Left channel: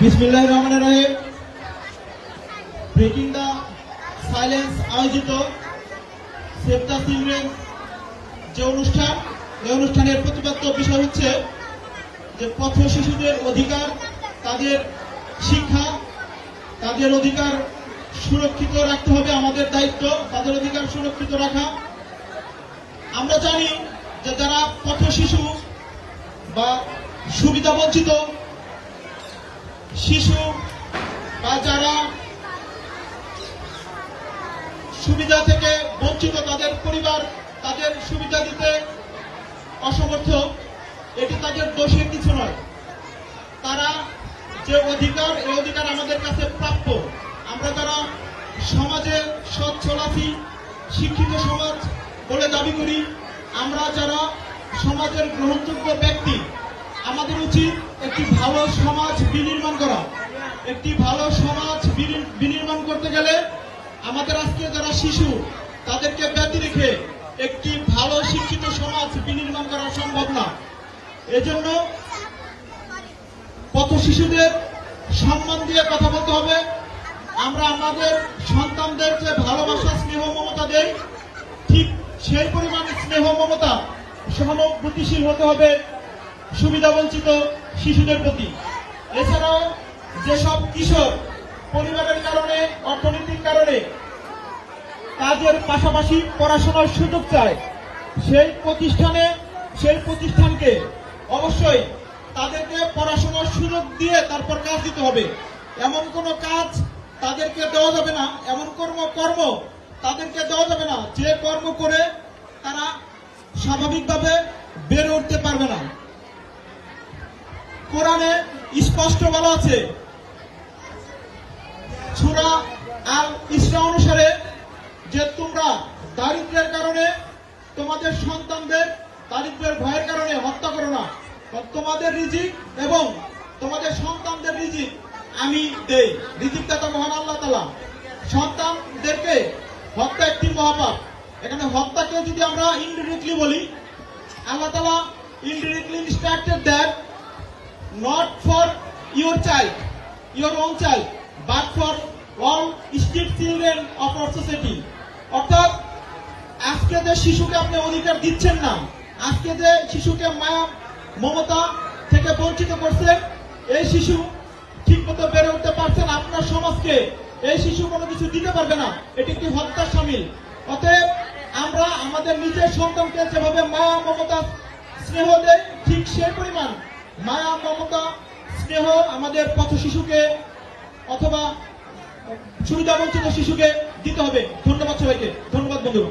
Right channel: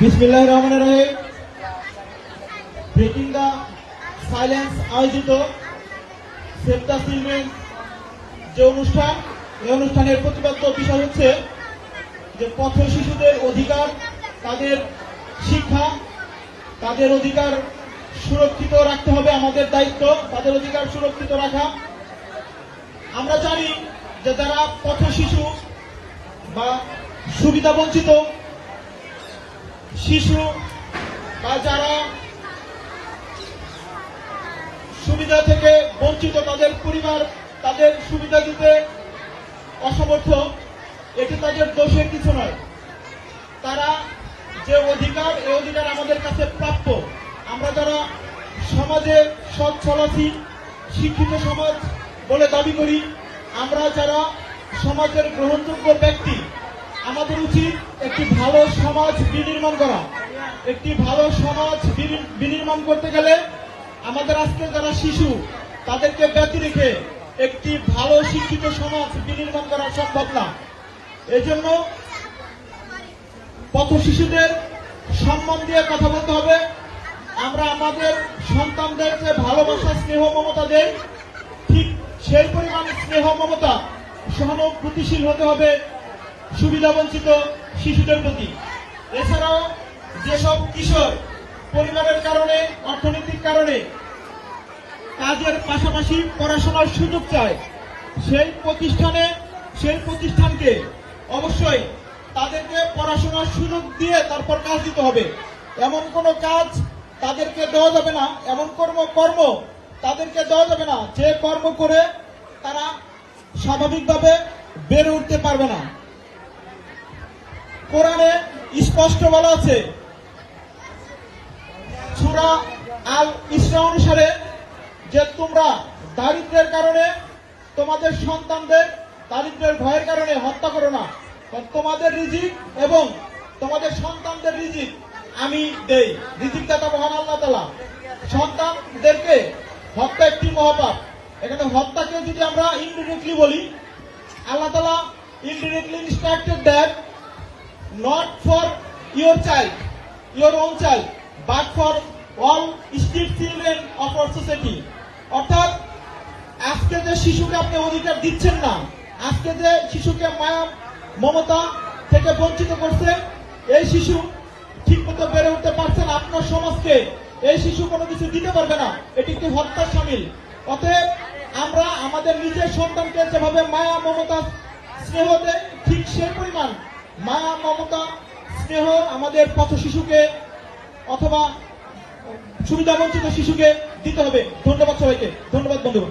বিসমিল্লাহির রহমানির রহিম। Breaking the silence আয়োজিত সেভ দ্য চিলড্রেন যে অনুষ্ঠান, এই অনুষ্ঠানের প্রতিপাদ্য বিষয় হচ্ছে যে পথ শিশুদের অধিকার, তাদের শিক্ষা, তাদের অধিকার সুরক্ষিত রাখতে হবে। আমাদের দায়িত্ব তাদের অধিকার সুরক্ষিত রাখা। আমরা জানি যে যারা পথ শিশু বা সুবিধা বঞ্চিত শিশু বা যারা সুবিধা থেকে বঞ্চিত, তাদের পরিবার তাদের সুবিধা দিতে অসমর্থ, এটি তাদের দোষের কিছু নয়। তারা যে অধিকার, এই অধিকার আমাদের কাছে প্রাপ্য। আমরা যারা সমাজে সৎ চলাচি শিক্ষিত সমাজ বলে দাবি করি, আমরা যারা সমাজের গ্রহণযোগ্য ব্যক্তি, আমাদের উচিত একটি ভালো সমাজ বিনির্মাণ করা। একটি ভালো সমাজ বিনির্মাণ করতে গেলে আমাদের আজকে যারা শিশু, তাদেরকে ব্যতি রেখে একটি ভালো শিক্ষিত সমাজ বিনির্মাণ করা সম্ভব না। এজন্য পথ শিশুদের সম্মান দিয়ে কথা বলতে হবে। আমরা আমাদের সন্তানদের যে ভালোবাসা, স্নেহ, মমতা দেই, ঠিক সেই পরিমাণ স্নেহ, মমতা, সহানুভূতিশীল হতে হবে সুবিধাবঞ্চিত শিশুদের প্রতি। এছাড়াও যেসব কিশোর পরিবারের কারণে, অর্থনৈতিক কারণে কাজের পাশাপাশি পড়াশোনার সুযোগ চায়, সেই প্রতিষ্ঠানকে অবশ্যই তাদেরকে পড়াশোনার সুযোগ দিয়ে তারপর কাজ দিতে হবে। এমন কোনো কাজ তাদেরকে দেওয়া যাবে না, এমন কর্ম তাদেরকে দেওয়া যাবে না যে কর্ম করে তারা স্বাভাবিকভাবে বেড়ে উঠতে পারবে না। কোরআনে স্পষ্ট বলা আছে, সূরা আল ইসরা অনুসারে, যে তোমরা দারিদ্র্যের কারণে তোমাদের সন্তানদের দারিদ্র্যের ভয়ের কারণে হত্যা করো না। তোমাদের রিজিক এবং তোমাদের সন্তানদের রিজিক আমি দেই। রিজিক দাতা মহান আল্লাহ তাআলা। সন্তানদেরকে হত্যা একটি মহাপাপ। এখানে হত্যাকে যদি আমরা ইনডিরেক্টলি বলি, আল্লাহ তাআলা indirectly instructed that not for your child, your own child, but for all street children of our society. অর্থাৎ আজকে যে শিশুকে আপনি অধিকার দিচ্ছেন না, আজকে যে শিশুকে মায়া মমতা থেকে বঞ্চিত করছেন, এই শিশু ঠিক মতো বেড়ে উঠতে পারছে না। আপনার সমাজকে এই শিশু কোনো কিছু দিতে পারবে না, এটি একটি হত্যার শামিল। অতএব আমরা আমাদের নিজের সন্তানকে যেভাবে মায়া মমতা স্নেহ দেয়, ঠিক সেই পরিমাণ মায়া মমতা স্নেহ আমাদের পথ শিশুকে অথবা সুবিধাবঞ্চিত শিশুকে দিতে হবে। ধন্যবাদ সবাইকে। ধন্যবাদ বন্ধু।